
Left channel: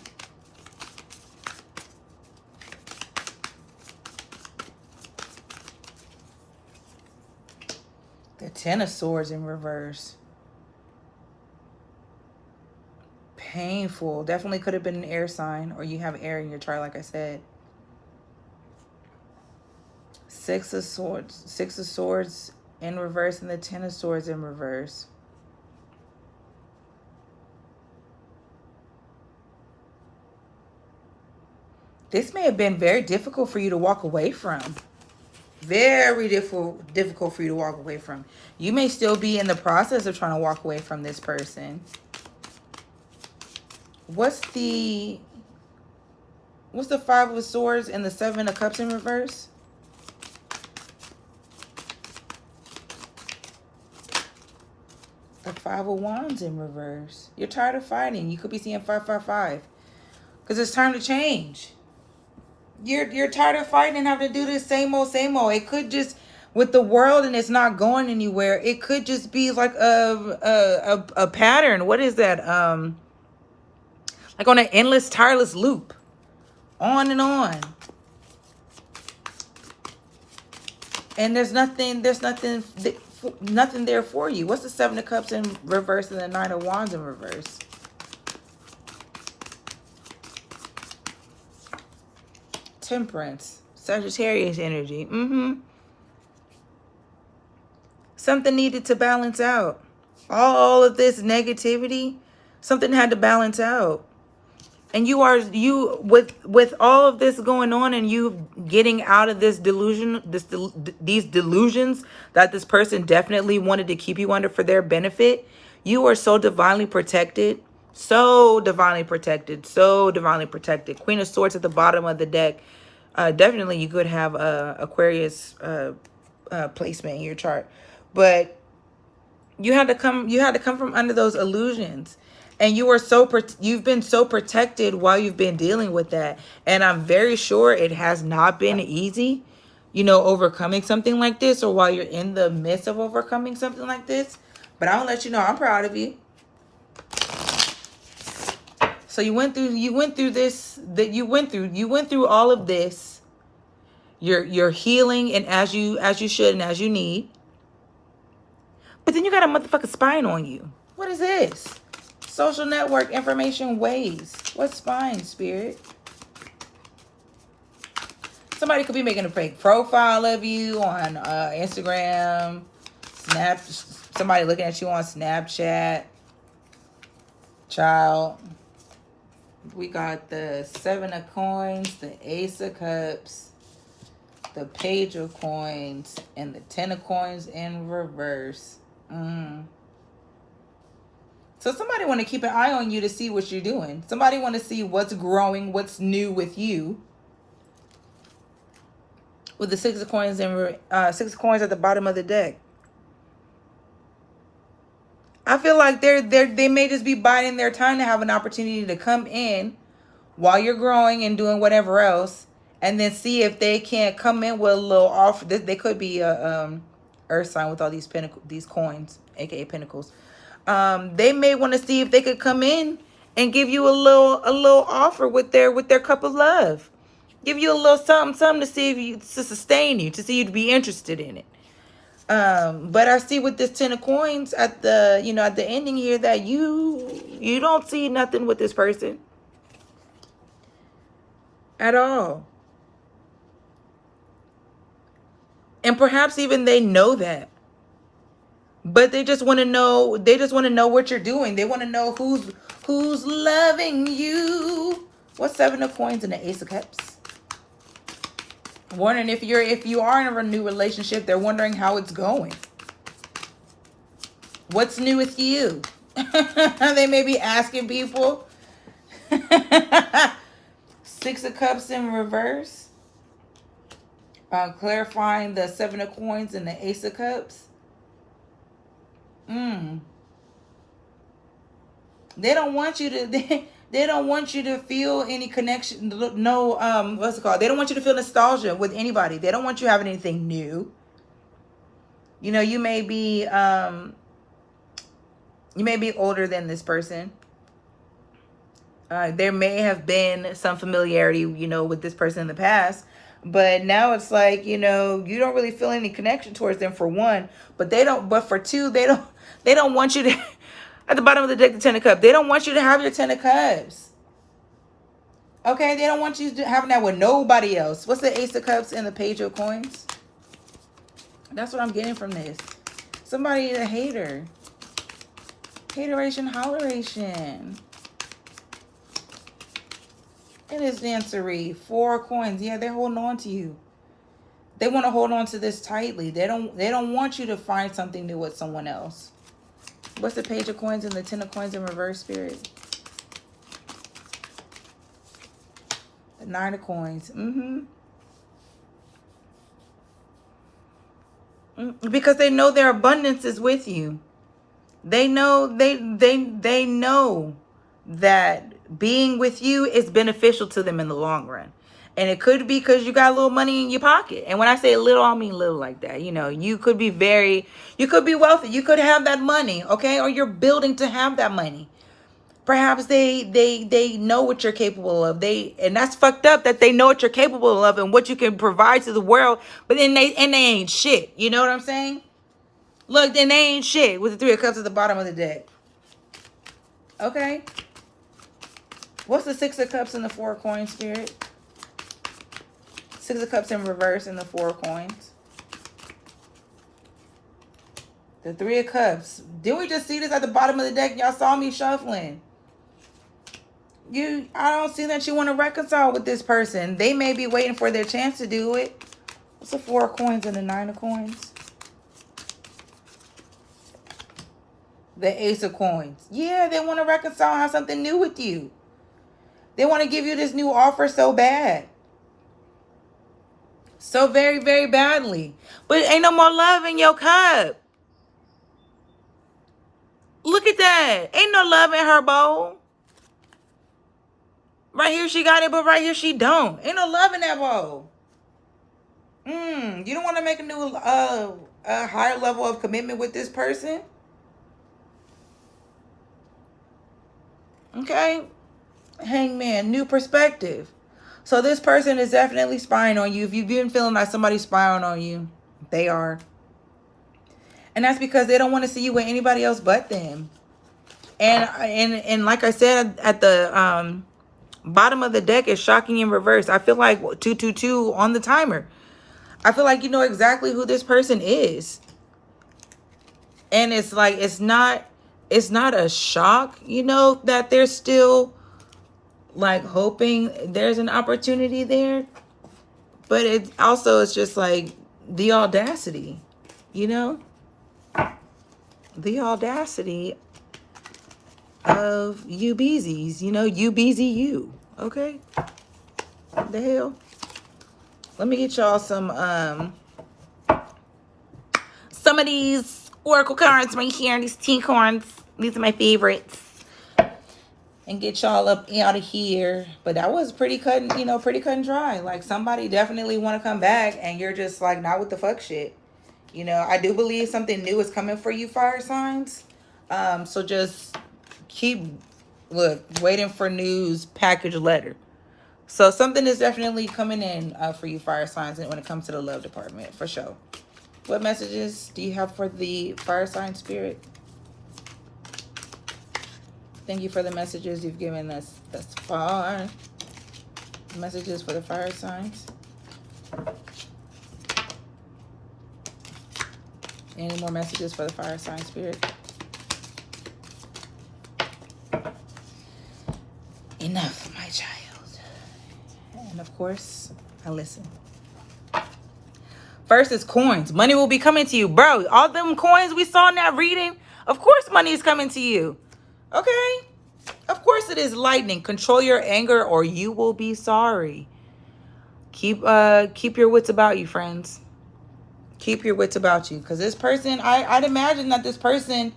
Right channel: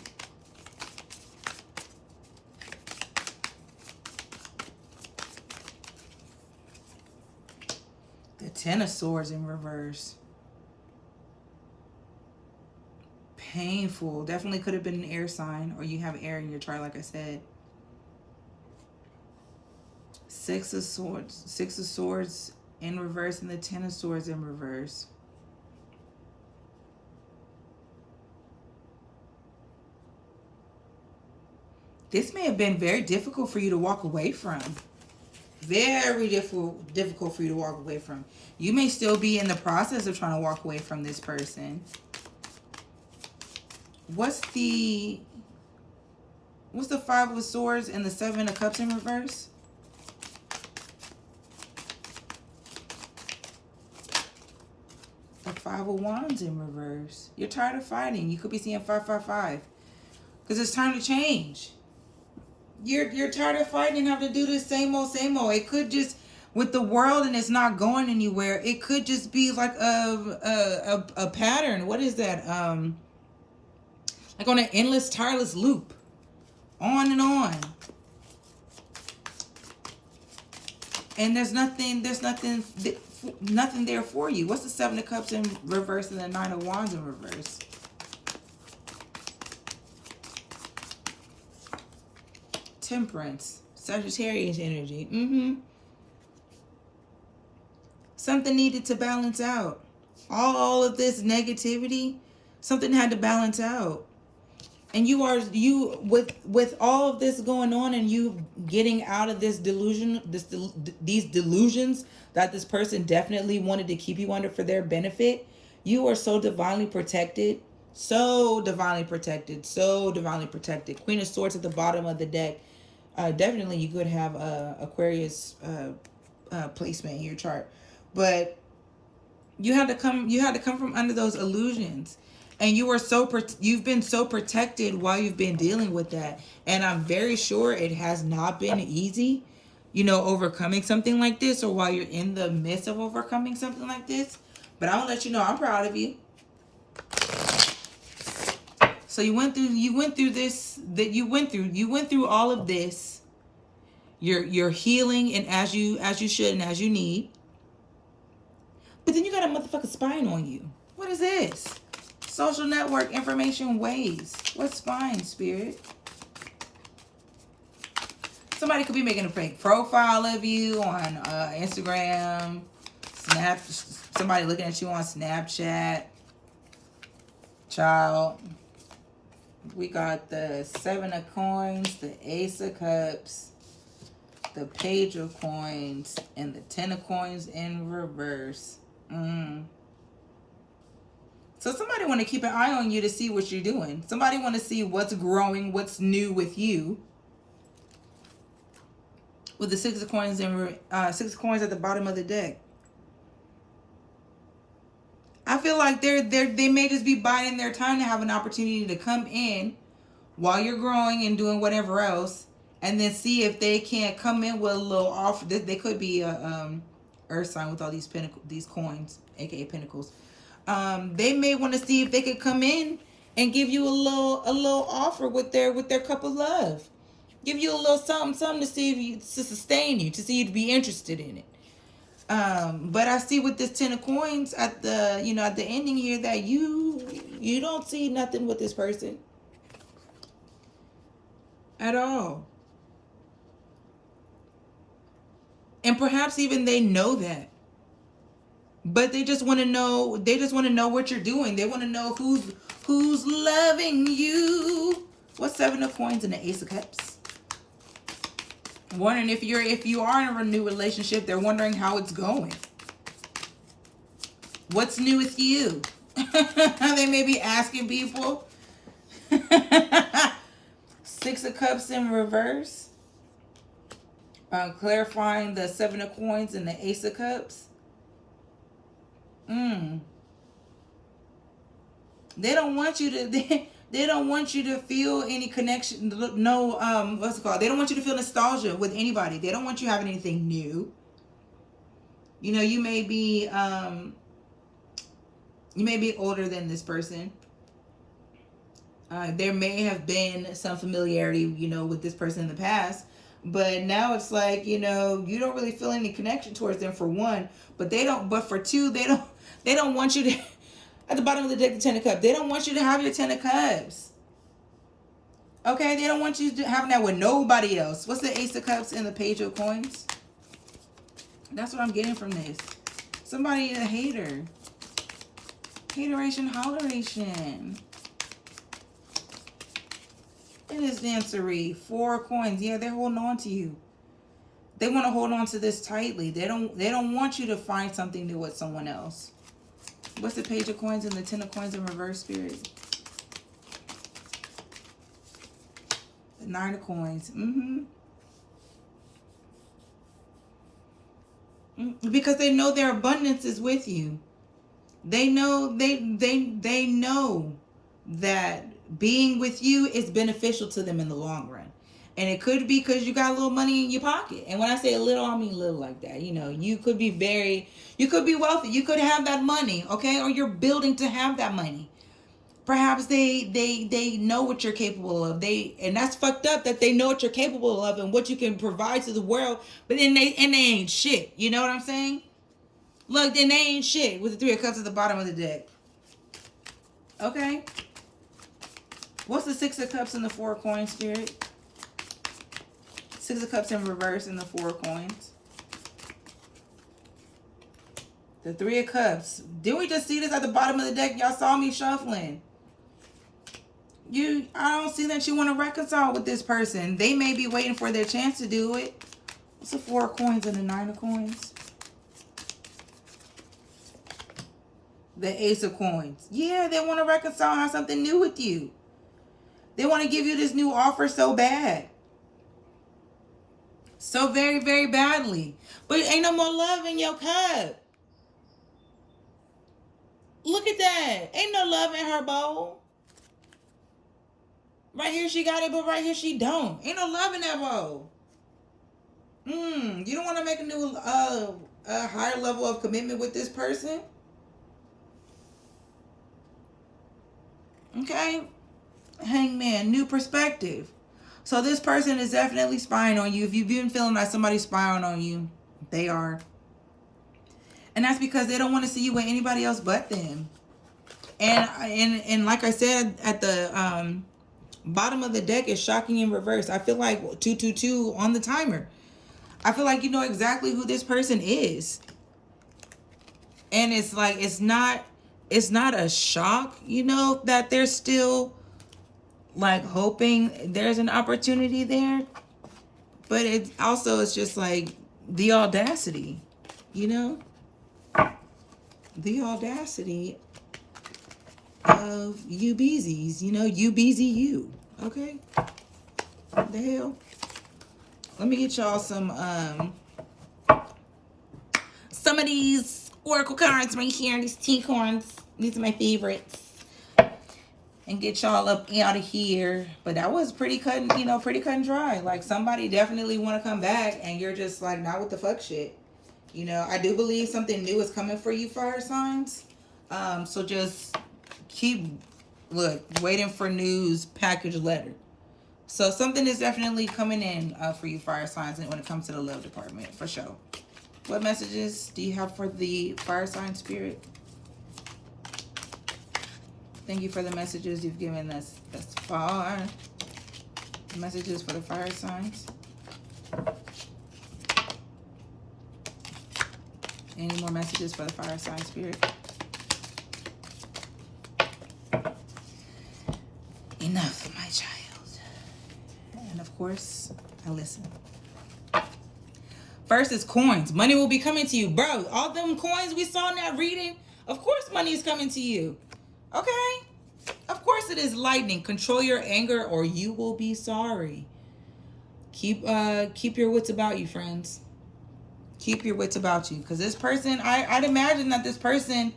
The Ten of Swords in reverse. Painful. Definitely could have been an air sign, or you have air in your chart, like I said. Six of Swords in reverse, and the Ten of Swords in reverse. This may have been very difficult for you to walk away from. Very difficult for you to walk away from. You may still be in the process of trying to walk away from this person. What's the Five of Swords and the Seven of Cups in reverse? The Five of Wands in reverse. You're tired of fighting. You could be seeing 555. Because it's time to change. You're tired of fighting and having to do this same old, same old. It could just, with the world and it's not going anywhere. It could just be like a pattern. What is that? Like on an endless, tireless loop, on and on. And there's nothing there for you. What's the Seven of Cups in reverse and the Nine of Wands in reverse? Temperance, Sagittarius energy. Something needed to balance out. All of this negativity, something had to balance out. And with all of this going on and you getting out of this delusion, these delusions that this person definitely wanted to keep you under for their benefit, you are so divinely protected. So divinely protected. So divinely protected. Queen of Swords at the bottom of the deck. Definitely you could have Aquarius placement in your chart. But you had to come from under those illusions. And you've been so protected while you've been dealing with that. And I'm very sure it has not been easy, overcoming something like this, or while you're in the midst of overcoming something like this. But I'll let you know, I'm proud of you. So you went through all of this. You're healing, and as you should and as you need. But then you got a motherfucking spine on you. What is this? Social network information ways. What spine, Spirit? Somebody could be making a fake profile of you on Instagram, somebody looking at you on Snapchat. Child. We got the Seven of Coins, the Ace of Cups, the Page of Coins, and the Ten of Coins in reverse. So somebody want to keep an eye on you to see what you're doing. Somebody want to see what's growing, what's new with you. With the Six of Coins and Six of Coins at the bottom of the deck. I feel like they may just be biding their time to have an opportunity to come in while you're growing and doing whatever else, and then see if they can't come in with a little offer. They could be a earth sign with all these coins, aka pentacles. They may want to see if they could come in and give you a little offer with their cup of love. Give you a little something to see to sustain you, to see you to be interested in it. But I see with this Ten of Coins at the ending here that you don't see nothing with this person at all. And perhaps even they know that. But they just want to know. They just want to know what you're doing. They want to know who's loving you. What's Seven of Coins and the Ace of Cups? Wondering if you are in a new relationship. They're wondering how it's going. What's new with you? They may be asking people. Six of Cups in reverse. Clarifying the Seven of Coins and the Ace of Cups. They don't want you to they don't want you to feel any connection. No, what's it called? They don't want you to feel nostalgia with anybody. They don't want you having anything new. You may be older than this person. There may have been some familiarity, with this person in the past. But now it's like, you don't really feel any connection towards them, for one. But for two, they don't want you to, at the bottom of the deck, the Ten of Cups, they don't want you to have your Ten of Cups. Okay, they don't want you to having that with nobody else. What's the Ace of Cups and the Page of Coins? That's what I'm getting from this. Somebody a hater. Hateration, holleration. It is dancery. Four of Coins. Yeah, they're holding on to you. They want to hold on to this tightly. They don't want you to find something new with someone else. What's the Page of Coins and the Ten of Coins in reverse, Spirit? The Nine of Coins. Because they know their abundance is with you. They know they know that being with you is beneficial to them in the long run. And it could be because you got a little money in your pocket. And when I say little, I mean little like that. You know, you could be wealthy. You could have that money, okay? Or you're building to have that money. Perhaps they know what you're capable of. And that's fucked up that they know what you're capable of and what you can provide to the world, but then they ain't shit. You know what I'm saying? Look, then they ain't shit with the Three of Cups at the bottom of the deck. Okay? What's the Six of Cups and the Four of Coins, Spirit? Six of Cups in reverse and the Four of Coins. The Three of Cups. Didn't we just see this at the bottom of the deck? Y'all saw me shuffling. I don't see that you want to reconcile with this person. They may be waiting for their chance to do it. What's the Four of Coins and the Nine of Coins? The Ace of Coins. Yeah, they want to reconcile and have something new with you. They want to give you this new offer so bad. So very, very badly. But ain't no more love in your cup. Look at that. Ain't no love in her bowl. Right here she got it, but right here she don't. Ain't no love in that bowl. You don't want to make a new, a higher level of commitment with this person? Okay. Hangman, new perspective. So this person is definitely spying on you. If you've been feeling like somebody's spying on you, they are. And that's because they don't want to see you with anybody else but them. And like I said at the bottom of the deck is shocking in reverse. I feel like 222 on the timer. I feel like you know exactly who this person is. And it's like it's not a shock, you know, that they're still like hoping there's an opportunity there. But it's just like the audacity, you know? The audacity of you beezies, you know, you beezy you. Okay? What the hell? Let me get y'all some of these oracle cards right here, these tea cards. These are my favorites. And get y'all up out of here. But that was pretty cut and dry. Like somebody definitely want to come back and you're just like not with the fuck shit. You know, I do believe something new is coming for you, fire signs. So just keep waiting for news, package, letter. So something is definitely coming in for you, fire signs, when it comes to the love department, for sure. What messages do you have for the fire sign spirit? Thank you for the messages you've given us thus far. Messages for the fire signs. Any more messages for the fire sign spirit? Enough, my child. And of course, I listen. First is coins. Money will be coming to you. Bro, all them coins we saw in that reading, of course money is coming to you. Okay? Of course it is lightning. Control your anger or you will be sorry. Keep your wits about you, friends. Keep your wits about you. Because this person, I'd imagine that this person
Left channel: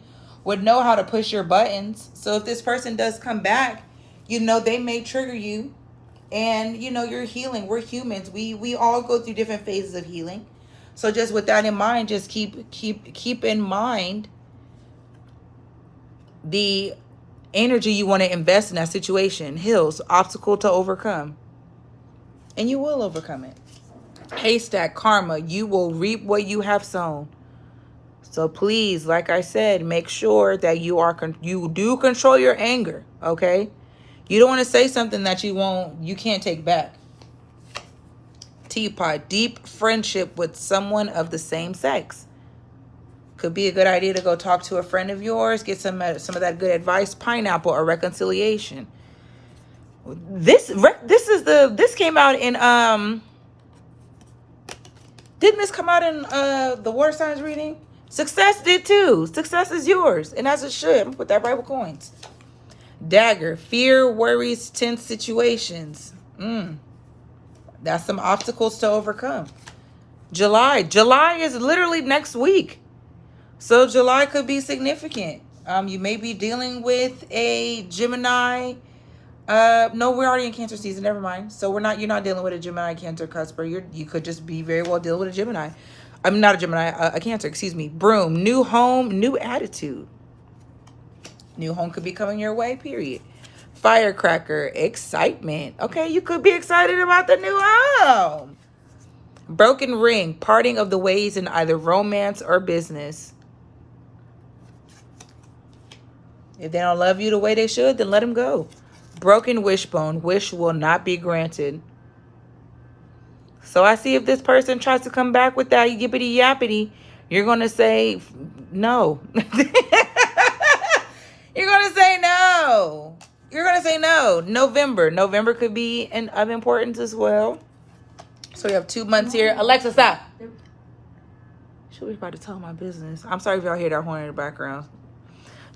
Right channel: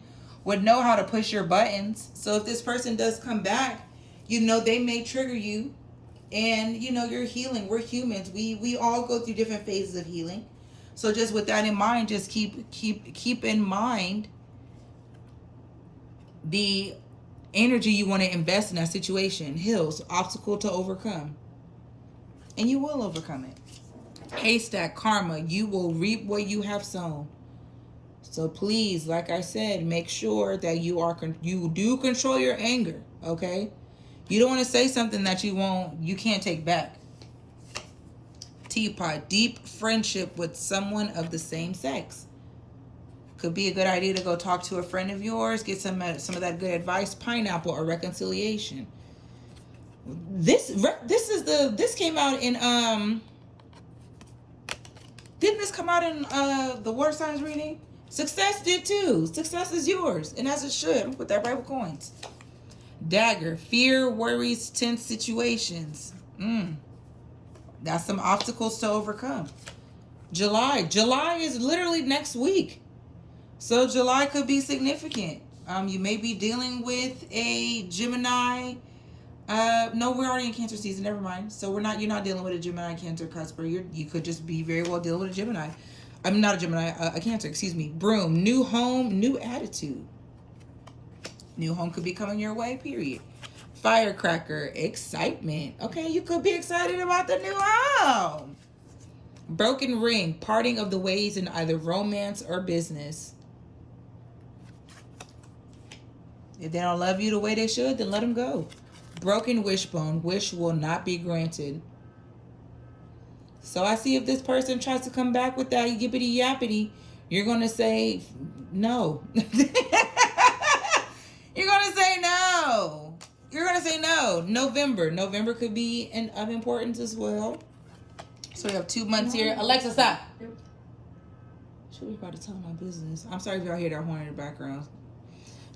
would know how to push your buttons. So if this person does come back, you know, they may trigger you. And, you know, you're healing. We're humans. We all go through different phases of healing. So just with that in mind, just keep in mind the energy you want to invest in that situation. Hills, obstacle to overcome. And you will overcome it. Haystack, karma, you will reap what you have sown. So please, like I said, make sure that you do control your anger, okay? You don't want to say something that you can't take back. Teapot, deep friendship with someone of the same sex. Could be a good idea to go talk to a friend of yours, get some of that good advice. Pineapple, or reconciliation. This came out in didn't this come out in the water signs reading? Success did too. Success is yours, and as it should. I'm gonna put that right with coins. Dagger, fear, worries, tense situations. That's some obstacles to overcome. July is literally next week. So July could be significant. You may be dealing with a Gemini, No, we're already in Cancer season. Never mind. So you're not dealing with a Gemini Cancer cusper. You could just be very well dealing with a Gemini. I'm not a Gemini, a Cancer, excuse me. Broom, new home, new attitude. New home could be coming your way, period. Firecracker, excitement. Okay, you could be excited about the new home. Broken ring, parting of the ways in either romance or business. If they don't love you the way they should, then let them go. Broken wishbone, wish will not be granted. So I see if this person tries to come back with that yippity yappity, you're going to say no. You're going to say no. You're going to say no. November could be of importance as well. So we have 2 months here. Alexa, stop. She was about to tell my business. I'm sorry if y'all hear that horn in the background.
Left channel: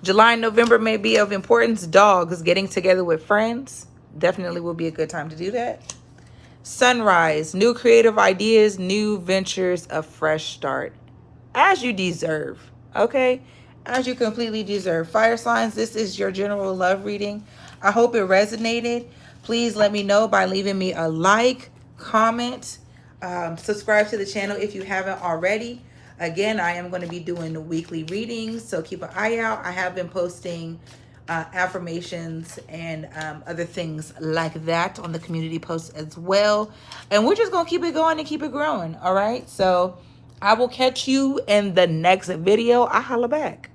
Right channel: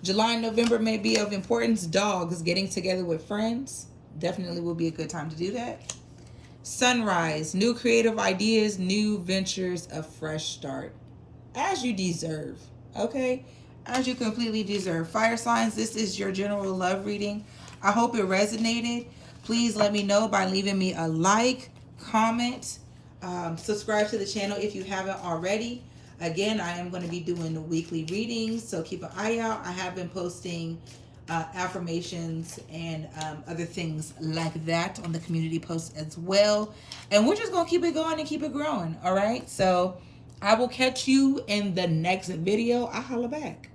July and November may be of importance. Dogs, getting together with friends. Definitely will be a good time to do that. Sunrise, new creative ideas, new ventures, a fresh start. As you deserve, okay? As you completely deserve. Fire signs, this is your general love reading. I hope it resonated. Please let me know by leaving me a like, comment, subscribe to the channel if you haven't already. Again, I am going to be doing weekly readings, so keep an eye out. I have been posting affirmations and other things like that on the community posts as well. And we're just going to keep it going and keep it growing, all right? So I will catch you in the next video. I holla back.